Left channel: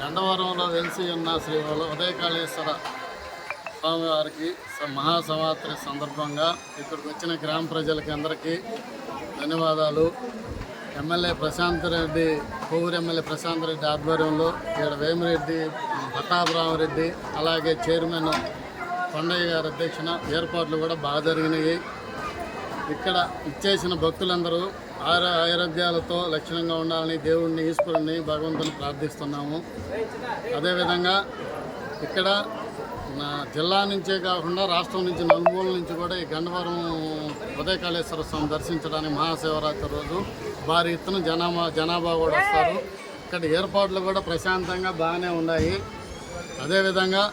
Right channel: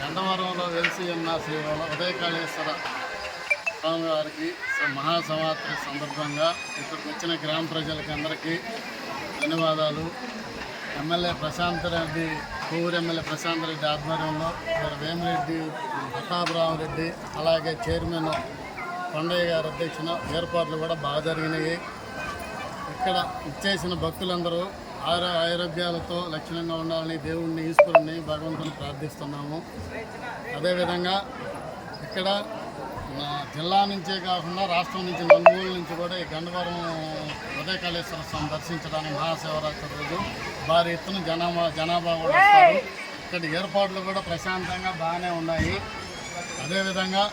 గండవరంలో వెలిసి ఉన్న శ్రీ ఉదయకాళేశ్వర స్వామివారికి మహాశివరాత్రి సందర్భంగా ఇక్కడికి వచ్చిన గ్రామ ప్రజలకి అందరికీ ధన్యవాదాలు. ఎమ్మెల్యే ప్రశాంత్ రెడ్డి, కోవూరు ఎమ్మెల్యే ప్రశాంత్ రెడ్డి ఆధ్వర్యంలో ఇక్కడ వేమిరెడ్డి ప్రతాపరామరెడ్డి అలాగే చైర్మన్ కొండయ్య గారి అధ్యక్షన ఏర్పాట్లు కూడా బాగా జరిగినాయి. ఇక్కడ ఇచ్చేసిన భక్తులందరూ ఆరోగ్యాలతో లక్షణంగా ఉండాలని దేవుణ్ణి ఈశ్వరుణ్ణి భగవంతుని ప్రార్థిస్తున్నాము. అదేవిధంగా ఇక్కడ జిల్లా నుంచే కాకుండా రాష్ట్రం నుంచి నలుమూల నుంచి కూడా ఈ గండవరం ఉదయకాళేశ్వర స్వామి దర్శించడానికి మహాశివరాత్రి రోజు భారీ ఎత్తున జనాభా కూడా వస్తారు. ఇక్కడ ఏర్పాట్లు కూడా ప్రశాంతంగా బాగానే ఉన్నాయి. అదేవిధంగా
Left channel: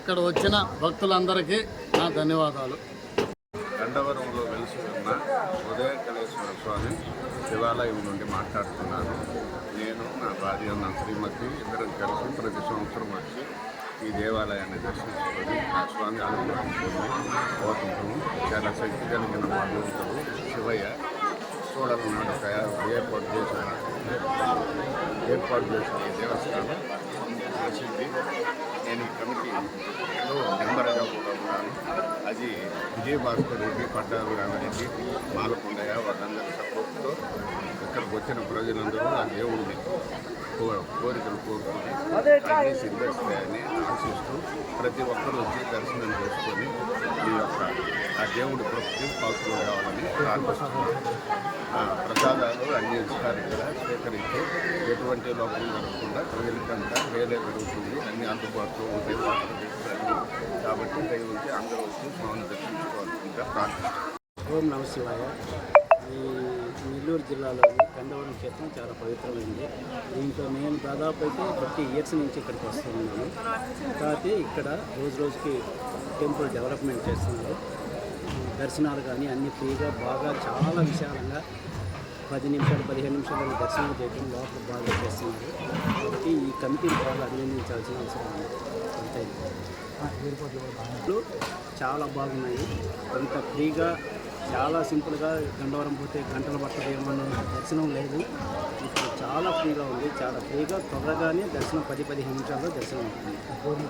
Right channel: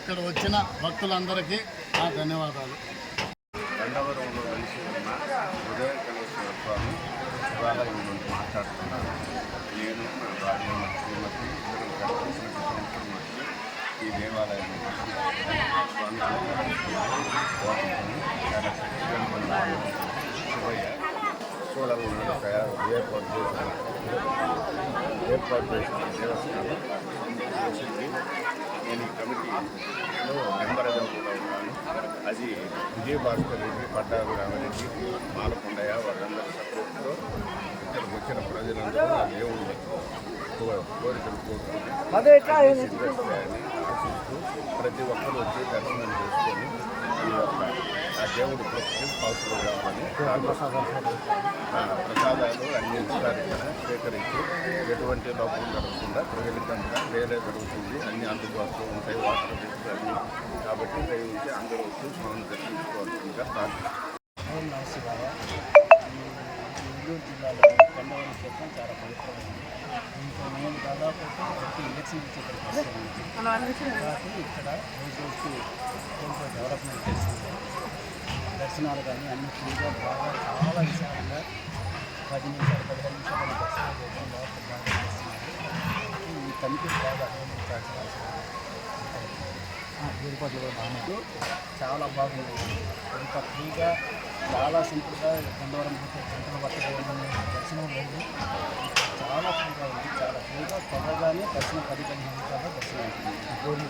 ఇక్కడ వచ్చిన భక్తులందరికీ నా ధన్యవాదాలు. గండవరంలో వెలిసి ఉన్న ఉదయకాళేశ్వర స్వామి శివాలయం నుండి మాట్లాడుతున్నాను. నేను నా భార్య నా శ్రీమతి ఇద్దరం కలిసి ప్రతి సంవత్సరం వచ్చి ఈ దేవాలయాన్ని దర్శించుకొని ఆ స్వామి అనుగ్రహించుకొని పోతుంటాము. చాలా శక్తి కలిగిన భగవంతుడు శివయ్య చూడల నాడు ఏర్పాటు చేసిన ఈ దేవస్థానం ప్రసిద్ధి. నేను ఈ కమిటీలో మెంబర్గా కూడా ఉన్నాను. అది విజయభాస్కర్ రెడ్డి, పట్టాభి రామారెడ్డి, మాలకొండయ్య వాళ్ళందరి సపోర్ట్తో ఇక్కడికి వచ్చిన ప్రజలందరూ ఆ దేవుణ్ణి కోరికలు కోరుకొని అన్ని సిద్ధిస్తాయని ఆశిస్తూ ప్రతి ఒక్కరూ వచ్చి దర్శనం చేసుకొని మీ యొక్క ఆ దేవుడి కృపకి పాత్రలు కావాలని ప్రార్థిస్తున్నాను. ప్రసాదాలు అన్నీ ఇస్తారు. ఇక్కడ స్వీకరించి ఎటువంటి లోపం జరగకుండా ప్రజలకంతా వేలే జరుగుతుంది. అన్నీ అందుబాటులో ఉంటాయి, వాటర్ ఫెసిలిటీ అన్నీ. కాబట్టి దయవుంచి అందరూ వచ్చి స్వామిని దర్శించుకోవాల్సిందిగా ప్రార్థిస్తున్నాను. ఓం నమ శివాయ. ఈ నెల్లూరు జిల్లాలోని గండవరం క్షేత్రం చాలా పవిత్రమైంది. దీంతో నేను దాదాపు అయితే 30 years నుంచి ఇక్కడికి వస్తున్నాను. కాబట్టి ఇక్కడ రోజు రోజుకి టెంపుల్ డెవలప్మెంట్ చేస్తుంది. దర్శనాలు కానీ అన్ని ఫ్రీగా బాగా చాలా విశాలంగా 10 నిమిషాలు 15 నిమిషాలు దర్శనం చేయడం లోపల బాగా చేస్తున్నారు. కాబట్టి ఈ కమిటీని బాగా అభినందించాల్సిన అవసరం ఉంటాయి. ఏర్పాట్లు చాలా బాగున్నాయి. ఇంత ఫ్రీగా చాలా సింపుల్గా గండవరం పోతే గంటల పట్టదు ఏమన్నా దర్శనం లేదు. ఇక్కడ చాలా ఫ్రీగా ఉంది. చాలా ఫ్రీగా త్వరగానే దర్శనం 10-15 నిమిషాల్లో దర్శనం అవుతుంది.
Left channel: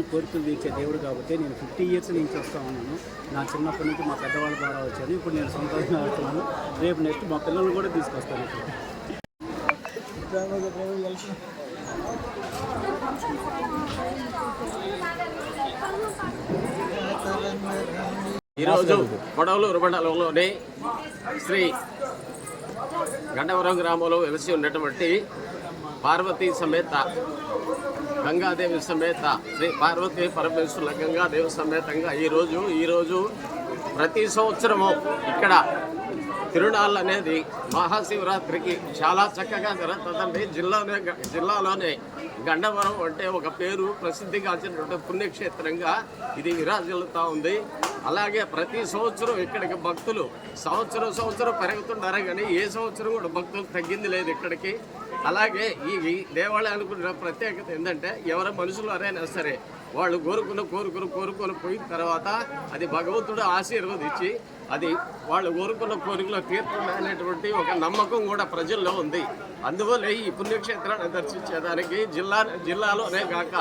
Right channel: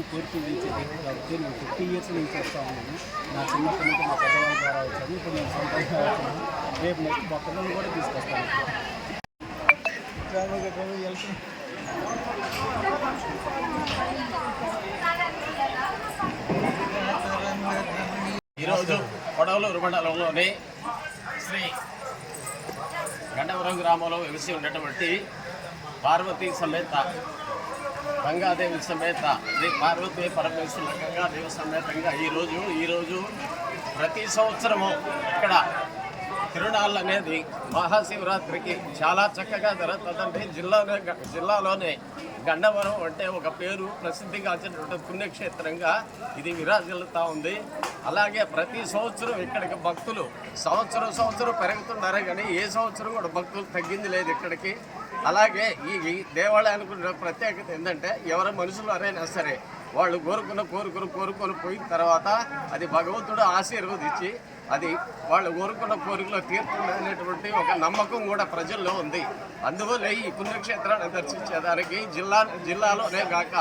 కోరికలు తీర్చే దేవుడు కాబట్టి నేను 50 years నుంచి వస్తూ ఉన్నాను. నా చిన్నప్పటి నుంచి మా పెద్దవాళ్ళ ద్వారా వచ్చాను. ఇప్పుడు నేను సొంతంగా వస్తున్నాను. రేపు నెక్స్ట్ మా పిల్లల్ని కూడా తీసుకొస్తాను. ఈరోజు కొడవలూరు మండలంలోని శ్రీ గండవరం గ్రామంలో వెలిసి ఉన్నటువంటి పార్వతీ సమేత గంగాదేవి సమేత శ్రీ పార్వతీ పరమేశ్వరుల గంగాదేవి సమేతంగా ఈరోజు ప్రతి సంవత్సరము ఇక్కడ తిరునాళ్ళు అనేది మహాశివరాత్రికి చాలా చక్కగా జరుగుతుందండి. జిల్లాలోనే గండవరం అంటే ఒక పేరు ప్రసిద్ధిగాంచినటువంటి పుణ్యక్షేత్రంగా ఇది విరాజిల్లుతూ ఉంది. అలాగే ప్రతి సంవత్సరం ఇక్కడికి భక్తులు సంవత్సరం పెరుగుతున్నారు కానీ ఏ సంవత్సరం కూడా భక్తులు తగ్గింది లేదు ఇక్కడికి. అలాగే ఈ దేవాలయానికి ఉన్న ప్రత్యేకత ఏంటంటే ఎవరి మనుషులు ఎవరైనా సరే వాళ్ళు కోరుకొని పోయిన తర్వాత అది భగవంతుడు ఆశీర్వదించి అది వాళ్ళు కోరుకున్న కోరికలు తీరుతుంది అనేటువంటి ఒక నమ్మకం కూడా ప్రజల్లో ఉంది. అందువల్ల ఈ పుణ్యక్షేత్రాన్ని దర్శించేదానికి జిల్లాలోనే కాక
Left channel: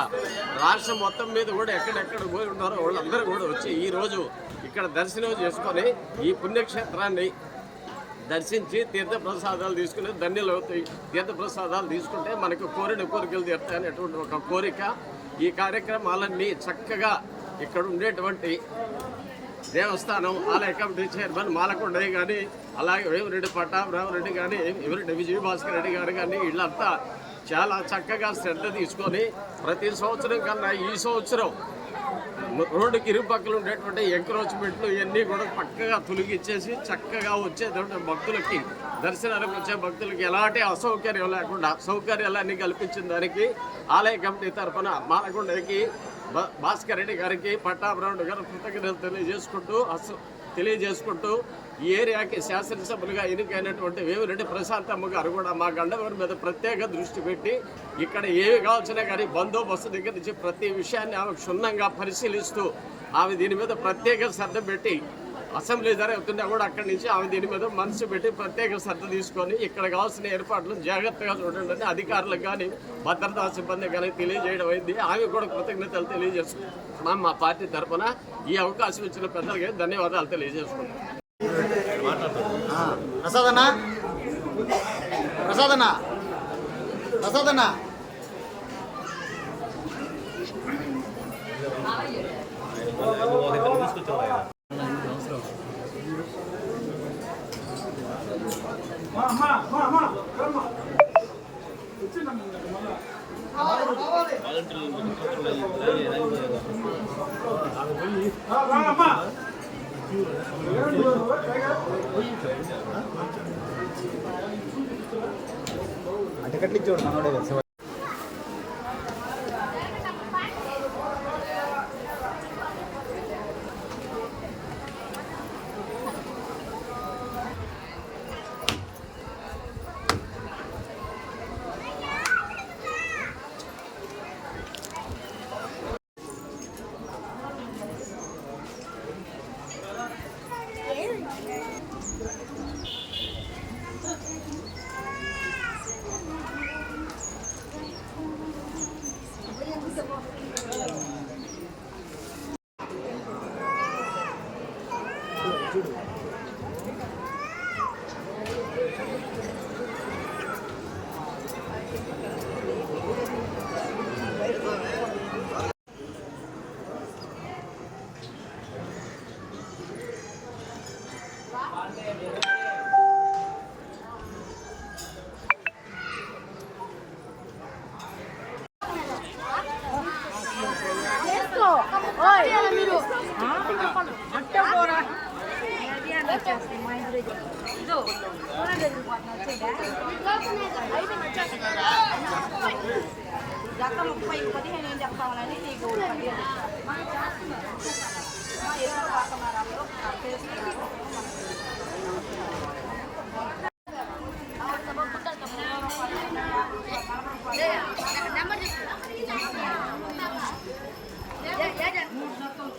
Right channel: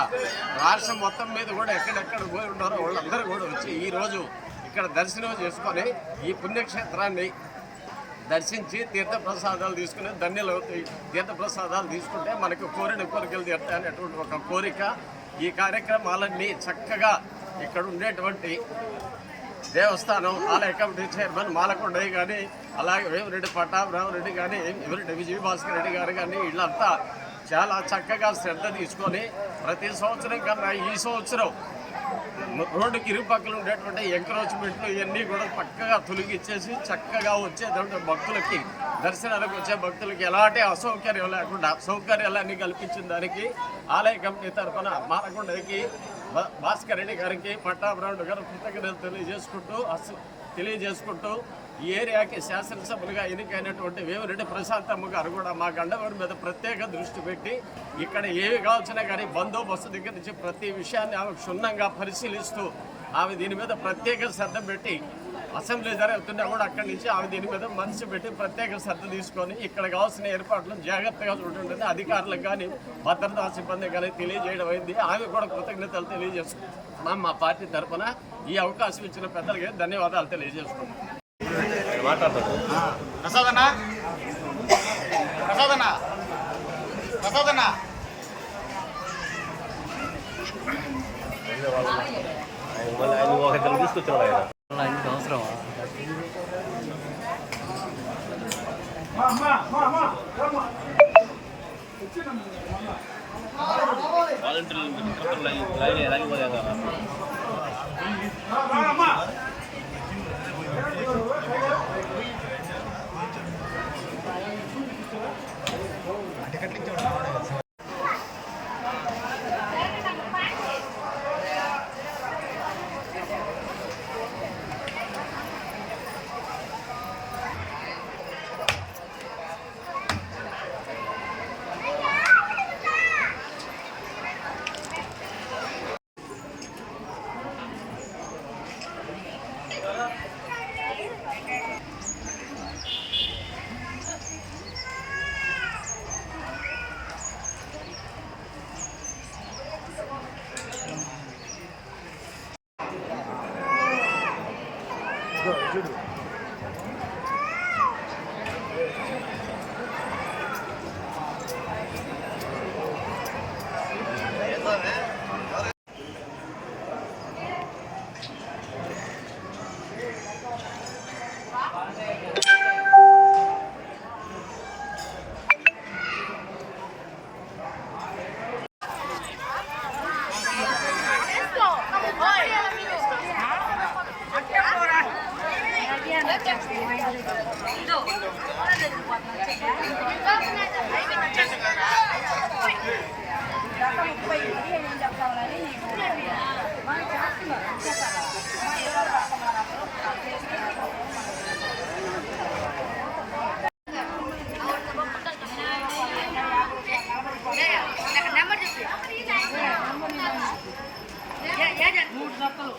రాష్ట్రం మొత్తం మీద కూడా ఎక్కడెక్కడ పోయి ఉన్నారో వాళ్ళందరూ కూడా వచ్చి ఈరోజు ఇక్కడ దర్శనం చేసుకొని ఈ పుణ్యక్షేత్రాన్ని దర్శించి తీర్థప్రసాదాలు తీసుకుని ధన్యులు అవుతాయి. తీర్థప్రసాదాలు తీసుకుంటే మనకు కోరికలు తీరుతాయి అనేటువంటి ఒక కోరిక. ఈ కార్యక్రమాలన్నీ చక్కగా ఇక్కడ ఉండేటువంటి దేవస్థానం ఆలయ కమిటీ చైర్మన్ మాలకొండయ్య కానీ, అలాగే వేమిరెడ్డి పట్టాభిరామరెడ్డి కానీ, వేమిరెడ్డి విజయభాస్కర్ రెడ్డి గారు కానీ వీళ్ళంతా చాలా చక్కగా శ్రద్ధ తీసుకొని ప్రతి సంవత్సరం కన్నా ఈ సంవత్సరం రోడ్డుకి ఇరుపక్కలు ఉండేటువంటి ఎంక్రోచ్మెంట్లు ఇవన్నీ కూడా పక్కగా తొలగిచ్చేసి చక్కగా వచ్చేటువంటి భక్తులకి దర్శనానికి వచ్చే భక్తులకి ఎలాంటి అసౌకర్యం లేకుండా సౌకర్యాలన్నీ కల్పించిన దానికి ఆలయ కమిటీ తరఫున మాలకొండకి భాస్కర్ రెడ్డి గారికి పట్టాభిరాముడు గారు కృతజ్ఞతలు తెలియజేసుకుంటూ ఈ ఏరియాకి శాసనసభ్యులుగా ఎన్నికైనటువంటి వేమిరెడ్డి ప్రశాంతమ్మ గారు కూడా మా గండవరం మీద ప్రత్యేక దృష్టి పెట్టి ఇక్కడ ఏవి కావాల్సినా కానీ బందోబస్తు దగ్గర నుంచి ప్రతి విషయాన్ని ఆమె క్షుణ్ణంగా పరిశీలిస్తూ ఆమె దీని మీద ప్రత్యేక శ్రద్ధ పెట్టి అసెంబ్లీ జరుగుతున్నా కూడా అక్కడి నుంచి ఆమె దీని మీద మనసు పెట్టి ప్రత్యేక శ్రద్ధ తీసుకొని ఇక్కడ కావాల్సిన ఏర్పాట్లను జాగ్రత్తగా చూడండి అధికారులకు కానీ భద్రతా సిబ్బంది కానీ తెలియజేయడం అయింది. ఆమె కూడా కృతజ్ఞతలు తెలియజేసుకుంటున్నాం. మా పార్టీ తరఫున ఈ అవకాశం ఇచ్చిన పెద్దలకి ధన్యవాదాలు తెలియజేసుకుంటాం. ప్రసాదన్న ప్రసాదన్న ప్రసాదన్న చూడు గత 30-15 ఏం చెప్తామని మనం చేస్తున్నారు చెప్పారా ఏదో వస్తున్నారు అందరూ నెంబర్ చెప్పు 3 చెప్పలు